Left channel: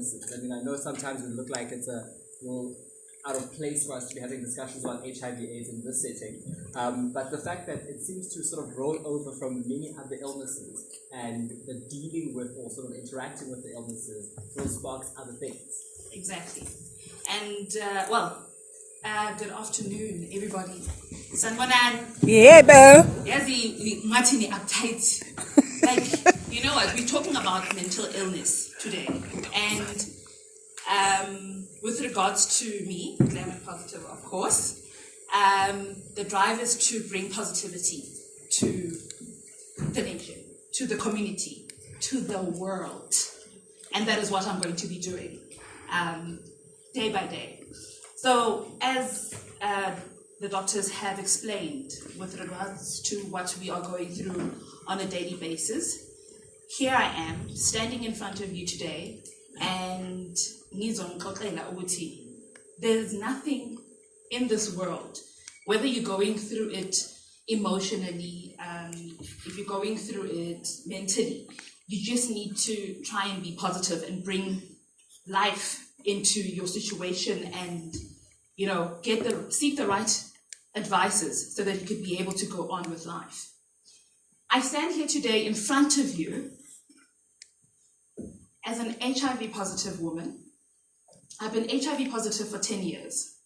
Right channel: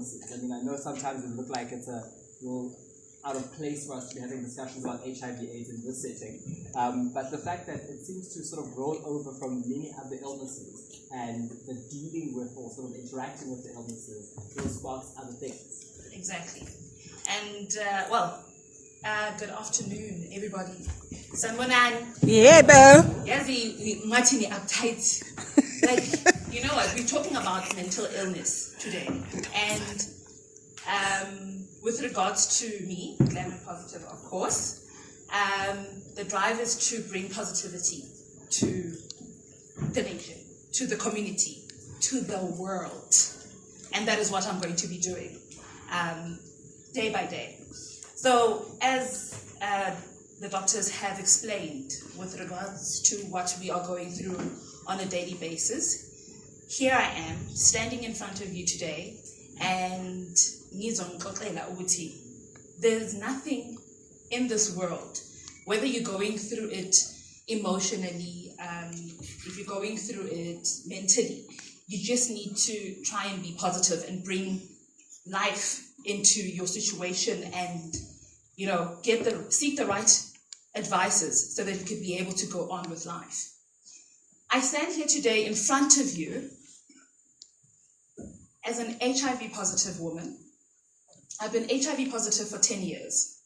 illnesses. I mean, I know sometimes it look like it's a little out of place for us to be having discussions about HIV/AIDS in this setting, but the fact that it seems to sort of roll over from many other illnesses and the dealing with or sort of interacting with the illnesses will spark other things. Exactly. And, good afternoon, everybody. Sanbonan. Yeah, bro. Yazi, Martini uptight. Like, you know what, we're talking about mental illness today. And with regards to me, Glam and Positive, of course, the drive is to bring positivity to the nation, to the community, to the world. And that is what I'm going to be doing day by day. So as the doctors have explained with regards to what we are going through on a daily basis, here I am standing in front of you today, and there's nothing in this world, whether you're going through it emotionally, if you're going through it mentally, you just need to try and be positive and bring life into your situation and, you know, seek the right advices so that you could be able to go on with life. I stand here today in front of you as an HIV positive woman. I've been HIV positive for 10 years.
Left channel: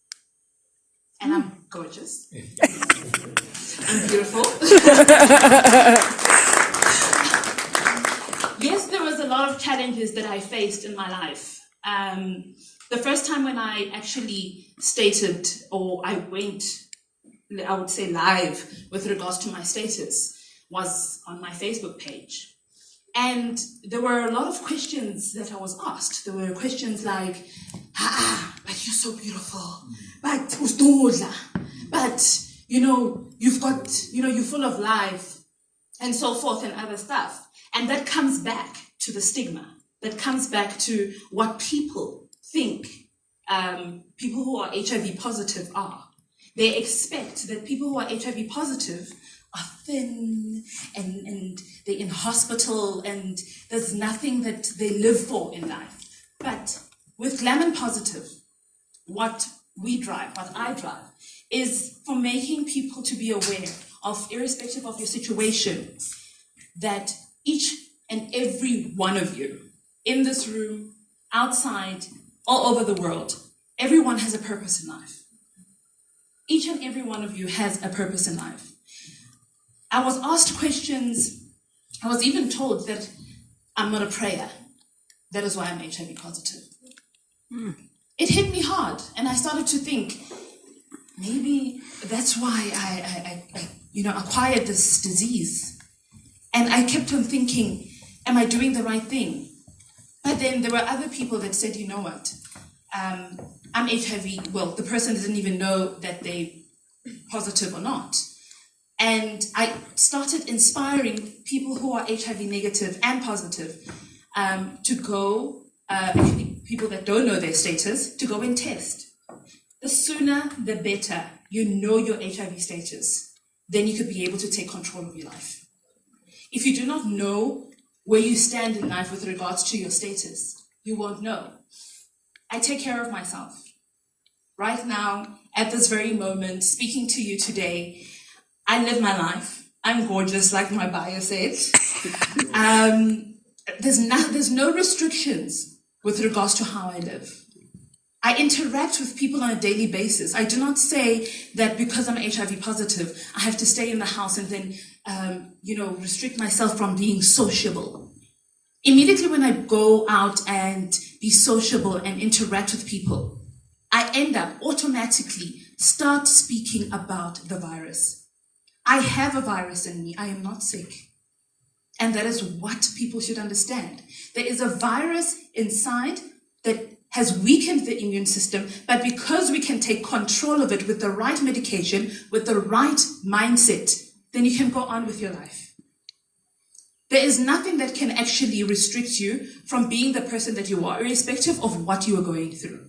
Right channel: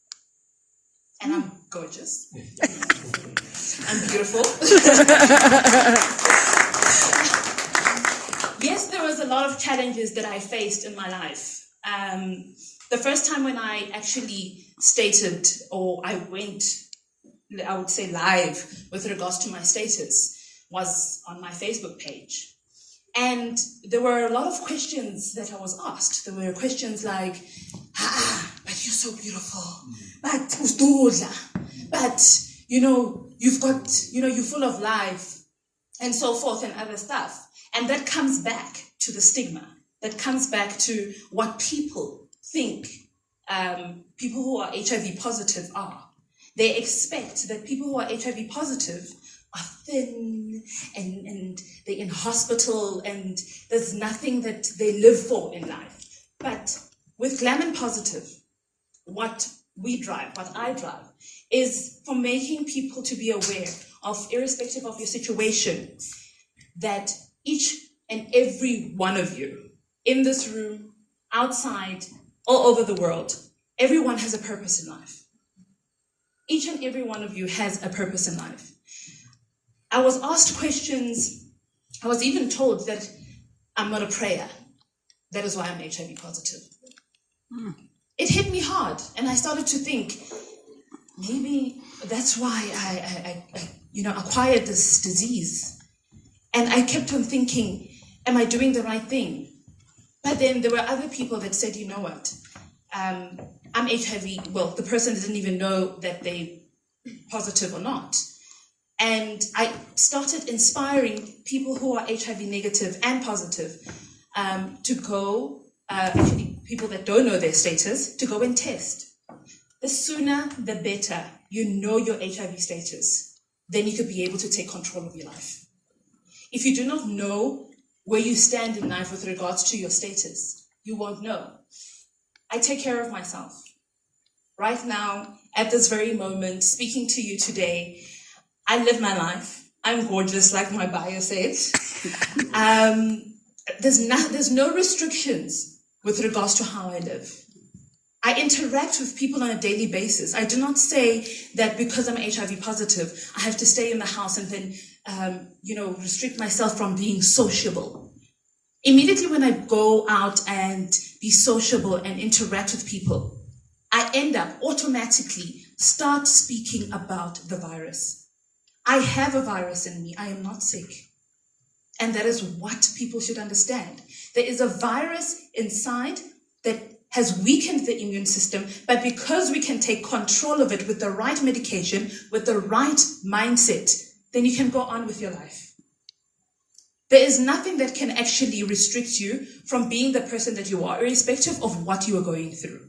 And I'm gorgeous. I'm beautiful. Yes, there was a lot of challenges that I faced in my life. The first time when I actually stated, or I went, I would say live with regards to my status, was on my Facebook page. And there were a lot of questions that I was asked. There were questions like, but you're so beautiful. But, you know, you're full of life, and so forth and other stuff. And that comes back to the stigma. That comes back to what people think people who are HIV positive are. They expect that people who are HIV positive are thin and they're in hospital and there's nothing that they live for in life. But with Glam and Positive, what I drive, is for making people to be aware of, irrespective of your situation, that each and every one of you in this room, outside, all over the world, everyone has a purpose in life. Each and every one of you has a purpose in life. I was asked questions. I was even told that I'm not a prayer. That is why I'm HIV positive. It hit me hard, and I started to think, maybe that's why I acquired this disease. And I kept on thinking, am I doing the right thing? But then there were other people that said, you know what, I'm HIV. Well, the person didn't even know that they're positive or not. And I started inspiring people who are HIV negative and positive to go, actually people that don't know their status, to go and test. The sooner, the better you know your HIV status, then you could be able to take control of your life. If you do not know where you stand in life with regards to your status, you won't know. I take care of myself. Right now, at this very moment, speaking to you today, I live my life. I'm gorgeous, like my bio said. There's no restrictions with regards to how I live. I interact with people on a daily basis. I do not say that because I'm HIV positive, I have to stay in the house and then, restrict myself from being sociable. Immediately when I go out and be sociable and interact with people, I end up automatically start speaking about the virus. I have a virus in me. I am not sick. And that is what people should understand. There is a virus inside that has weakened the immune system, but because we can take control of it with the right medication, with the right mindset, then you can go on with your life. There is nothing that can actually restrict you from being the person that you are, irrespective of what you are going through.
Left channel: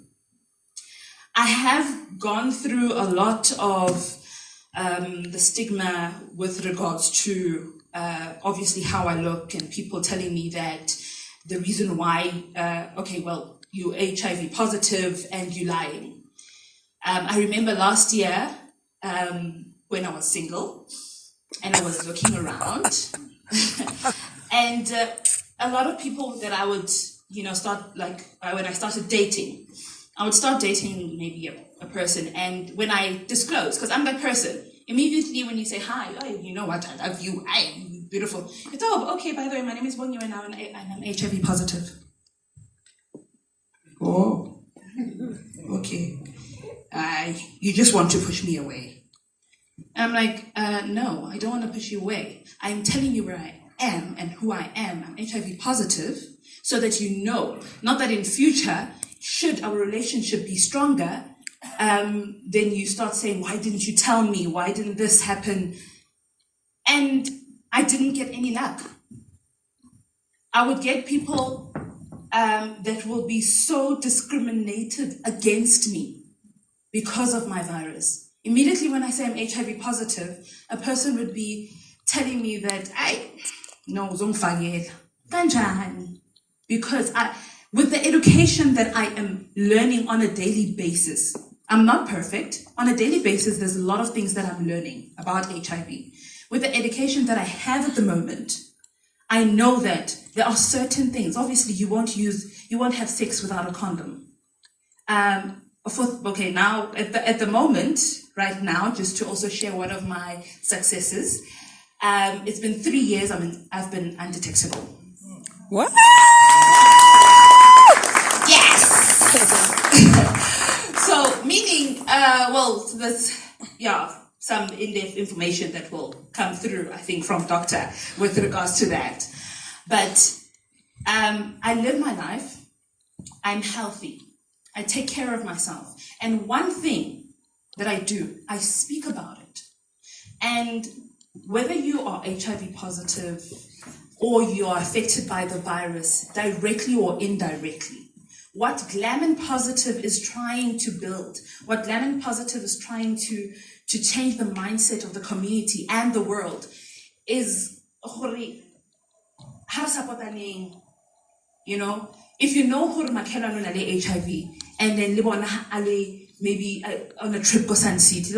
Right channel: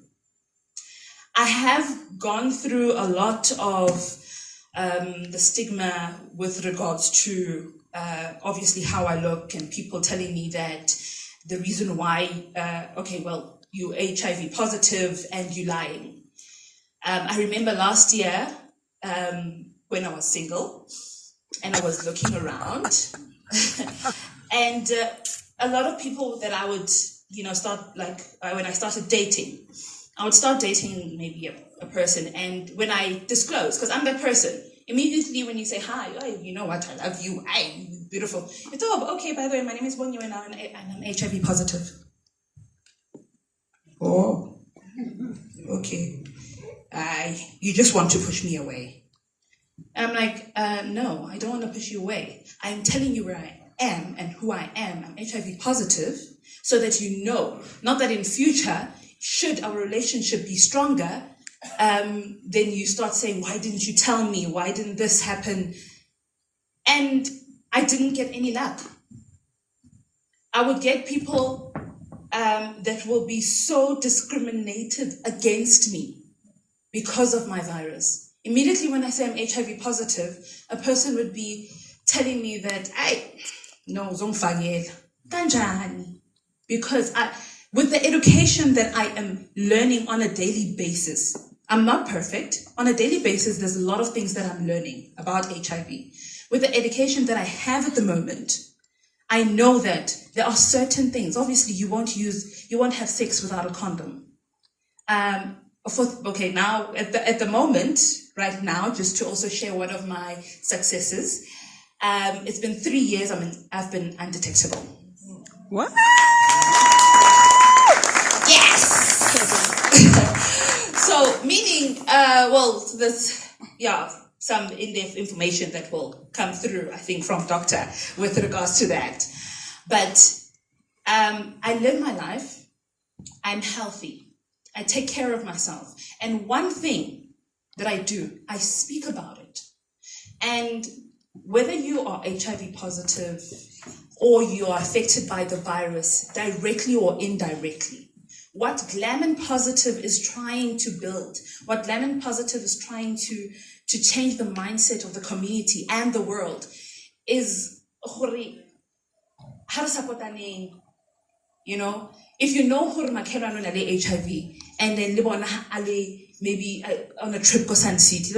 I have gone through a lot of the stigma with regards to obviously how I look, and people telling me that the reason why, okay, well, you're HIV positive and you're lying. I remember last year when I was single and I was looking around and a lot of people that I would, start like when I started dating, I would start dating maybe a person, and when I disclose, because I'm that person, immediately when you say, hi, oh, you know what, I love you, I'm beautiful. It's, oh, okay, by the way, my name is Bonyo and I'm HIV positive. Oh, okay. You just want to push me away. I'm like, no, I don't want to push you away. I'm telling you where I am and who I am. I'm HIV positive, so that you know, not that in future, should our relationship be stronger, then you start saying, why didn't you tell me? Why didn't this happen? And I didn't get any luck. I would get people that will be so discriminated against me because of my virus. Immediately when I say I'm HIV positive, a person would be telling me that, no, zongfagela, kanjani? Because with the education that I am learning on a daily basis, I'm not perfect. On a daily basis, there's a lot of things that I'm learning about HIV. With the education that I have at the moment, I know that there are certain things. Obviously, you won't have sex without a condom. Okay, now at the moment, right now, just to also share one of my successes, it's been 3 years. I've been undetectable. What? Yes. So meaning, there's some in-depth information that will come through, I think, from doctor with regards to that. But I live my life. I'm healthy. I take care of myself. And one thing that I do, I speak about it. And whether you are HIV positive or you are affected by the virus directly or indirectly, what Dlamini Positive is trying to build, what Dlamini Positive is trying to change the mindset of the community and the world is, if you know who HIV and then maybe on a trip go Sun City,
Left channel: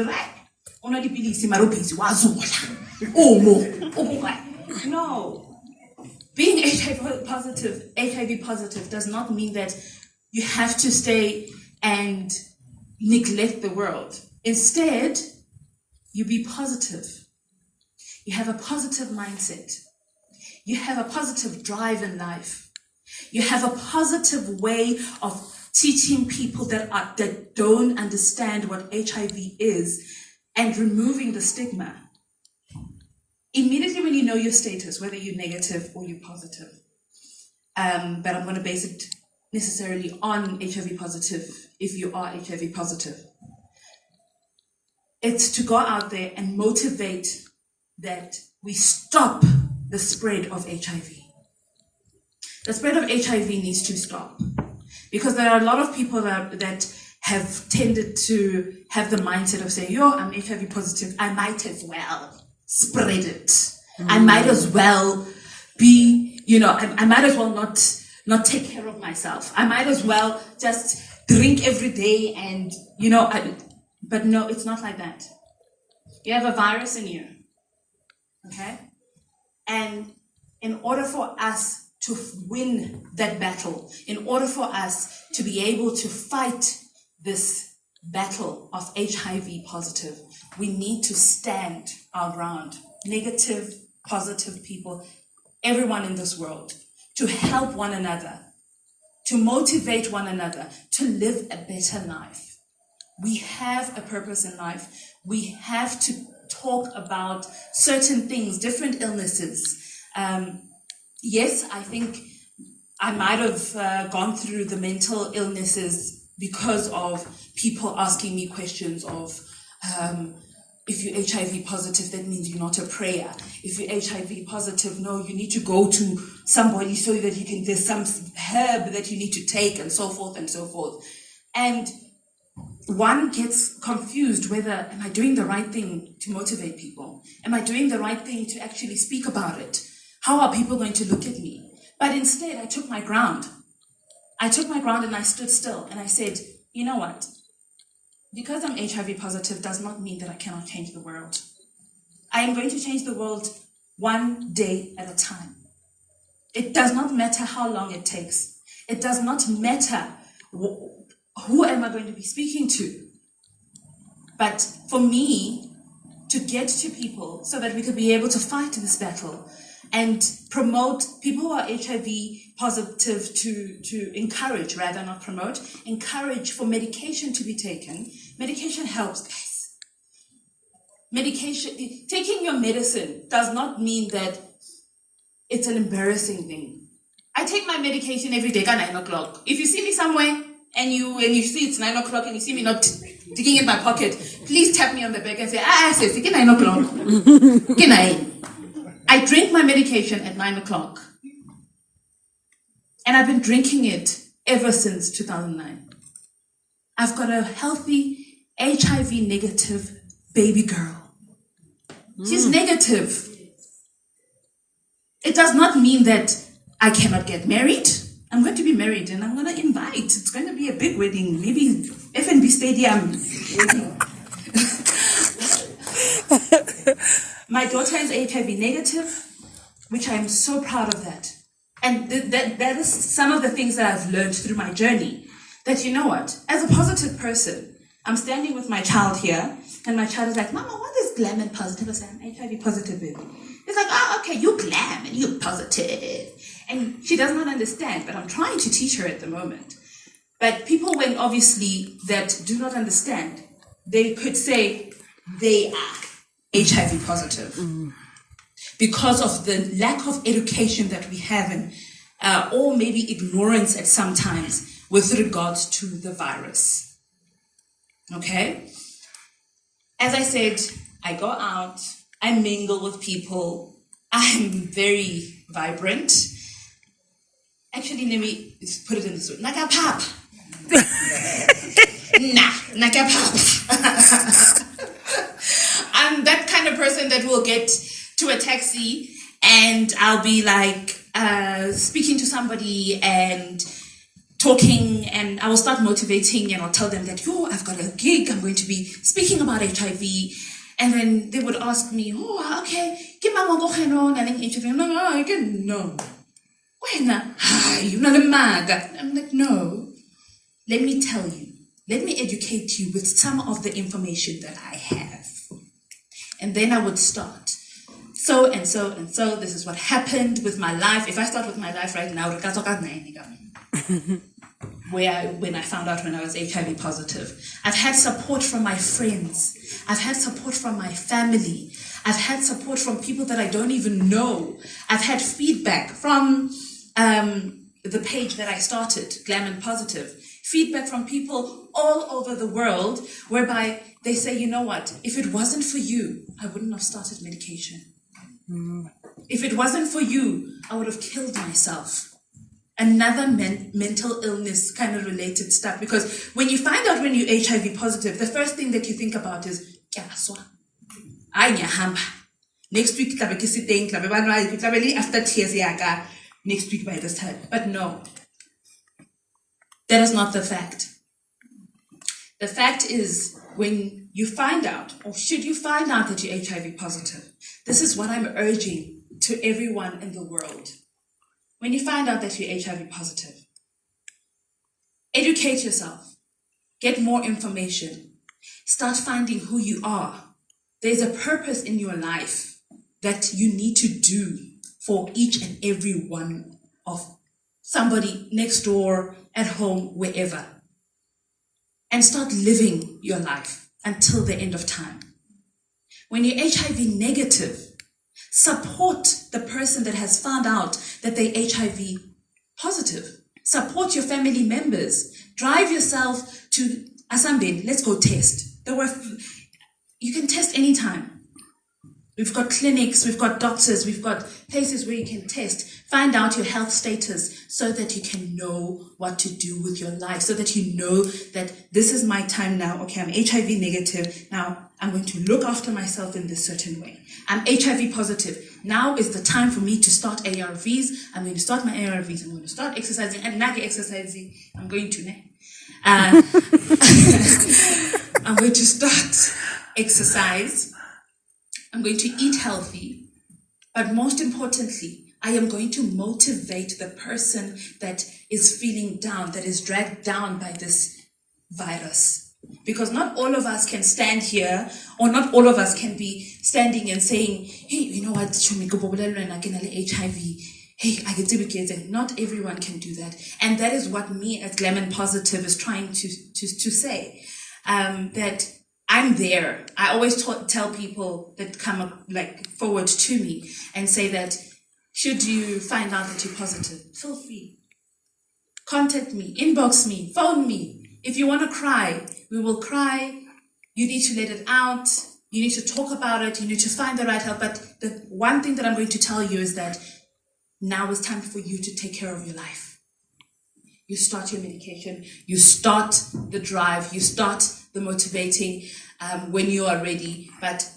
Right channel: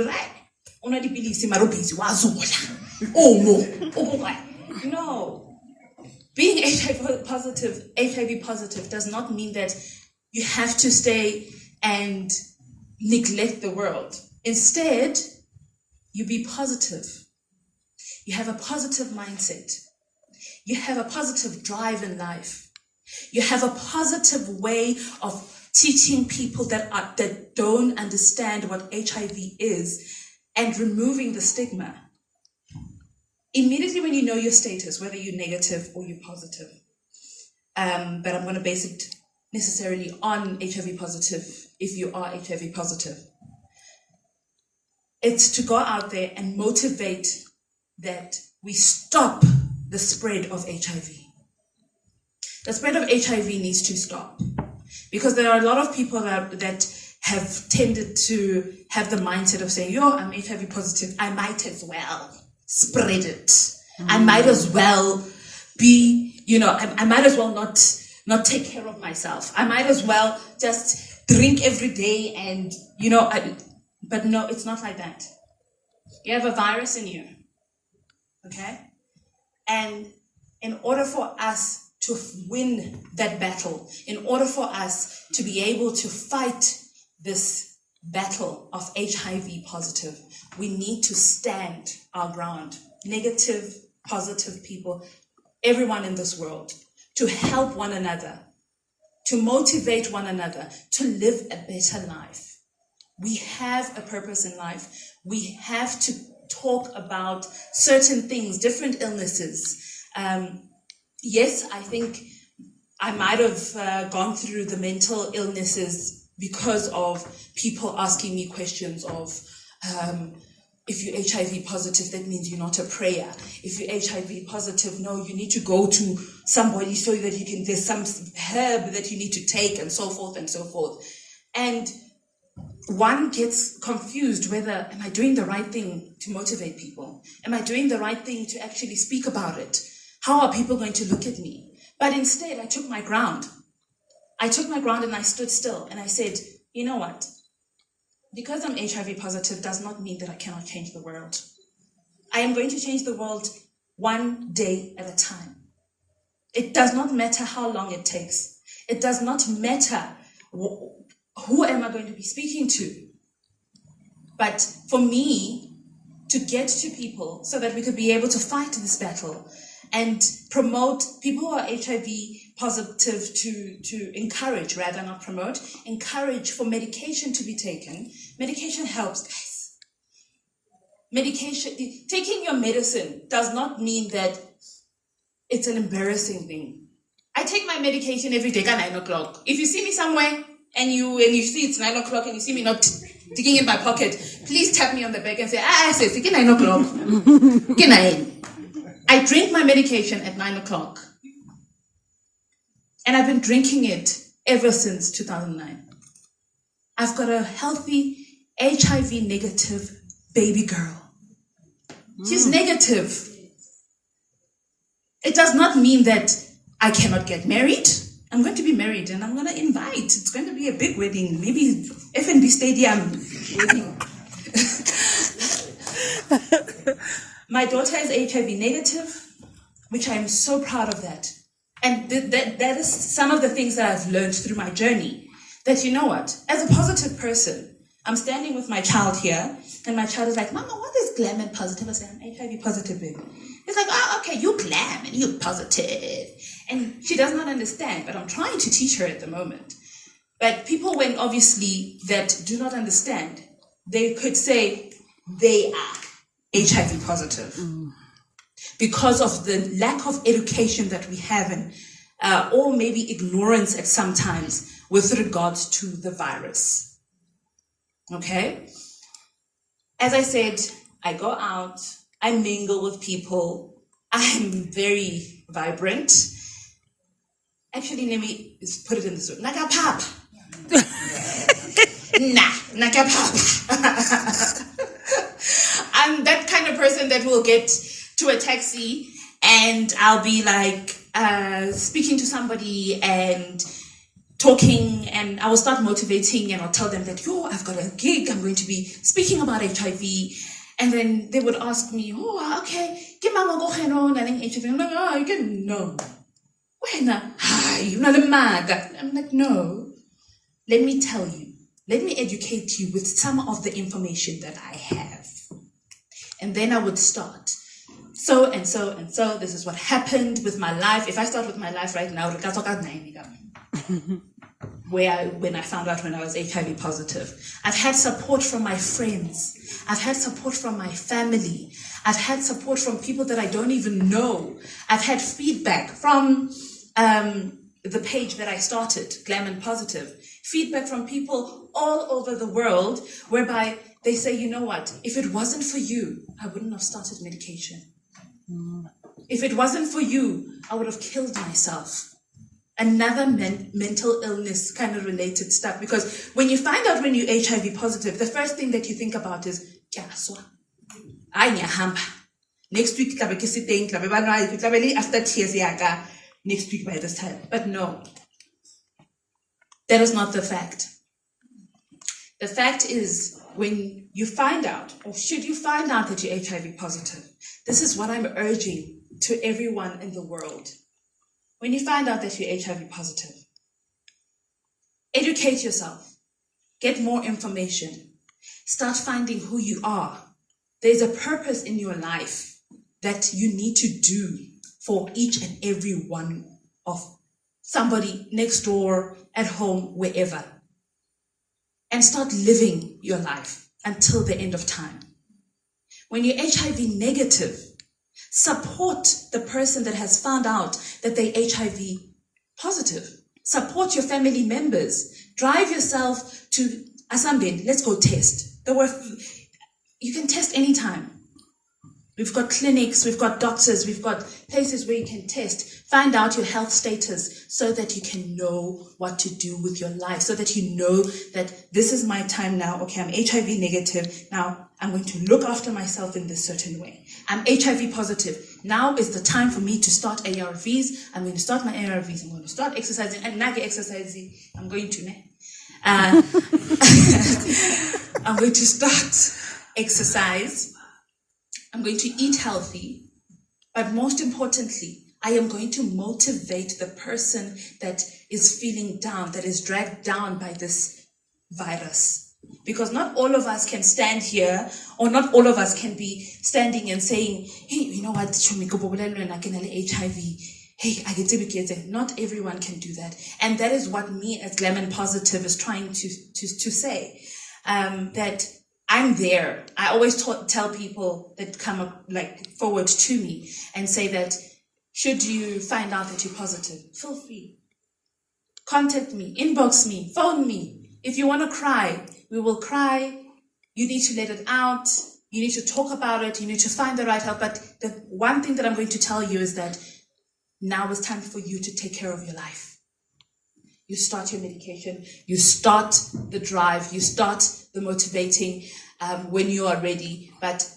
no. Being HIV positive does not mean that you have to stay and neglect the world. Instead, you be positive. You have a positive mindset. You have a positive drive in life. You have a positive way of teaching people that don't understand what HIV is and removing the stigma. Immediately when you know your status, whether you're negative or you're positive, but I'm going to base it necessarily on HIV positive, if you are HIV positive, it's to go out there and motivate that we stop the spread of HIV. The spread of HIV needs to stop, because there are a lot of people that have tended to have the mindset of saying, I'm HIV positive, I might as well spread it. I might as well be, I might as well not take care of myself. I might as well just drink every day and, but no, it's not like that. You have a virus in you, okay? And in order for us to win that battle, in order for us to be able to fight this battle of HIV positive, we need to stand our ground. Negative, positive people, everyone in this world, to help one another, to motivate one another, to live a better life. We have a purpose in life. We have to talk about certain things, different illnesses. Yes, I think I might have gone through the mental illnesses because of people asking me questions of, if you're HIV positive, that means you're not a prayer. If you're HIV positive, no, you need to go to somebody so that there's some herb that you need to take, and so forth and so forth. And one gets confused whether, am I doing the right thing to motivate people? Am I doing the right thing to actually speak about it? How are people going to look at me? But instead, I took my ground. I took my ground and I stood still and I said, you know what? Because I'm HIV positive does not mean that I cannot change the world. I am going to change the world one day at a time. It does not matter how long it takes. It does not matter who am I going to be speaking to. But for me to get to people so that we could be able to fight this battle and promote people who are HIV positive to encourage, rather not promote, encourage for medication to be taken. Medication helps, guys. Medication, taking your medicine does not mean that it's an embarrassing thing. I take my medication every day at 9 o'clock. If you see me somewhere and you see it's 9 o'clock and you see me not digging in my pocket, please tap me on the back and say, sis, it's 9 o'clock. Good night. I drink my medication at 9 o'clock. And I've been drinking it ever since 2009. I've got a healthy, HIV negative baby girl. She's negative. It does not mean that I cannot get married. I'm going to be married and I'm going to invite. It's going to be a big wedding. Maybe F&B Stadium wedding. My daughter is HIV negative, which I'm so proud of that. And that is some of the things that I've learned through my journey. That you know what? As a positive person, I'm standing with my child here, and my child is like, Mama, what is glam and positive? I say, I'm HIV positive, baby. It's like, oh, okay, you glam and you positive. And she does not understand, but I'm trying to teach her at the moment. But people, when obviously that do not understand, they could say they are HIV positive. Because of the lack of education that we have, and or maybe ignorance at some times with regards to the virus. Okay? As I said, I go out, I mingle with people, I'm very vibrant. Actually, let me put it in this way. Nakapap. Nakapap. I'm that kind of person that will get to a taxi and I'll be like speaking to somebody and talking, and I will start motivating and I'll tell them that, I've got a gig, I'm going to be speaking about HIV. And then they would ask me, okay, give my one go and then HIV. No. I'm like, no. Let me tell you. Let me educate you with some of the information that I have. And then I would start. So and so and so. This is what happened with my life. If I start with my life right now, when I found out when I was HIV positive. I've had support from my friends. I've had support from my family. I've had support from people that I don't even know. I've had feedback from the page that I started, Glam and Positive. Feedback from people all over the world, whereby they say, you know what, if it wasn't for you, I wouldn't have started medication. If it wasn't for you, I would have killed myself. Another mental illness kind of related stuff. Because when you find out when you're HIV positive, the first thing that you think about is, next week, after tears, next week by this time. But no, that is not the fact. The fact is, when you find out, or should you find out that you're HIV positive, this is what I'm urging to everyone in the world. When you find out that you're HIV positive, educate yourself, get more information, start finding who you are. There's a purpose in your life that you need to do for each and every one of somebody next door, at home, wherever. And start living your life until the end of time. When you're HIV negative, support the person that has found out that they're HIV positive. Support your family members. Drive yourself to Asambin. Let's go test. You can test anytime. We've got clinics, we've got doctors, we've got places where you can test, find out your health status so that you can know what to do with your life, so that you know that this is my time now. Okay, I'm HIV negative. Now I'm going to look after myself in this certain way. I'm HIV positive. Now is the time for me to start ARVs. I'm going to start my ARVs. I'm going to start exercising. And now exercising, I'm going to I'm going to start exercise. I'm going to eat healthy, but most importantly, I am going to motivate the person that is feeling down, that is dragged down by this virus. Because not all of us can stand here, or not all of us can be standing and saying, hey, you know what, HIV. Hey, I get to. Not everyone can do that. And that is what me as Glam Positive is trying to say. That I'm there. I always tell people that come forward to me and say that should you find out that you're positive, feel free. Contact me, inbox me, phone me. If you want to cry, we will cry. You need to let it out. You need to talk about it. You need to find the right help. But the one thing that I'm going to tell you is that now is time for you to take care of your life. You start your medication, you start the drive, you start the motivating when you are ready, but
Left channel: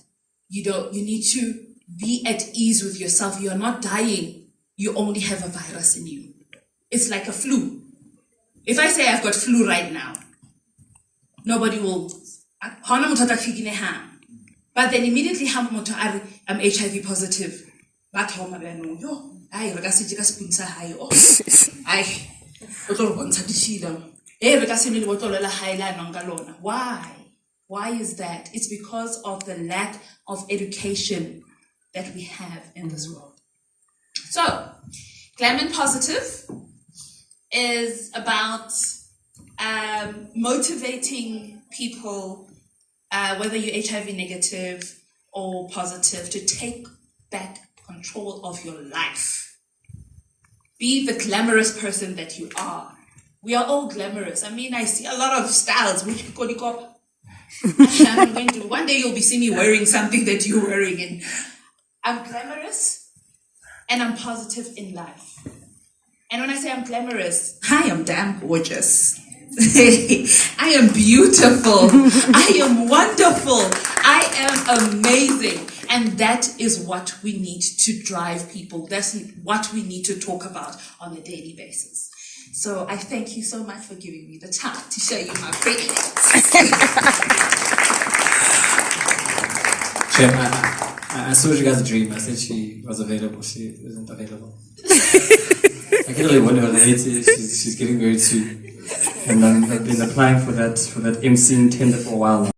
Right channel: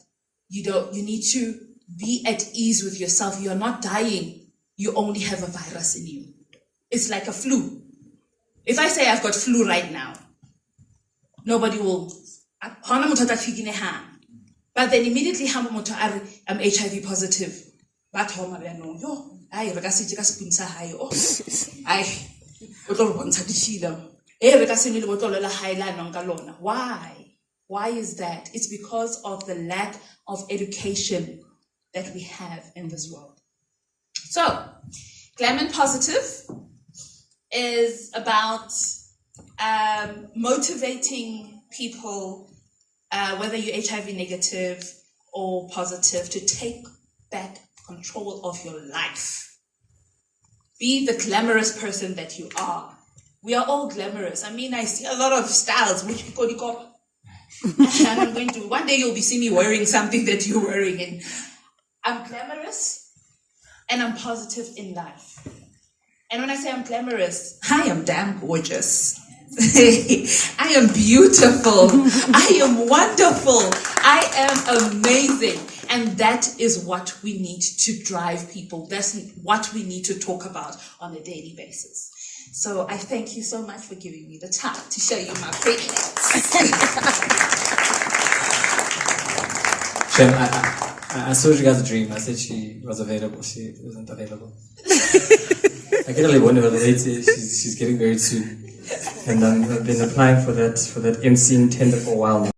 you need to be at ease with yourself. You are not dying, you only have a virus in you. It's like a flu. If I say I've got flu right now, nobody will, but then immediately I'm HIV positive. Why is that? It's because of the lack of education that we have in this world. So, Glam Positive is about motivating people, whether you're HIV negative or positive, to take back control of your life. Be the glamorous person that you are. We are all glamorous. I mean, I see a lot of styles, which I'm going to, one day you'll be seeing me wearing something that you're wearing. And I'm glamorous and I'm positive in life. And when I say I'm glamorous, I am damn gorgeous. I am beautiful. I am wonderful. I am amazing. And that is what we need to drive people. That's what we need to talk about on a daily basis. So I thank you so much for giving me the time to show you my prettiness. I saw you guys a dream. I said she was available. She wasn't available. I can only wonder whether she's getting married soon. And I've been applying for that MCing tender for a while now.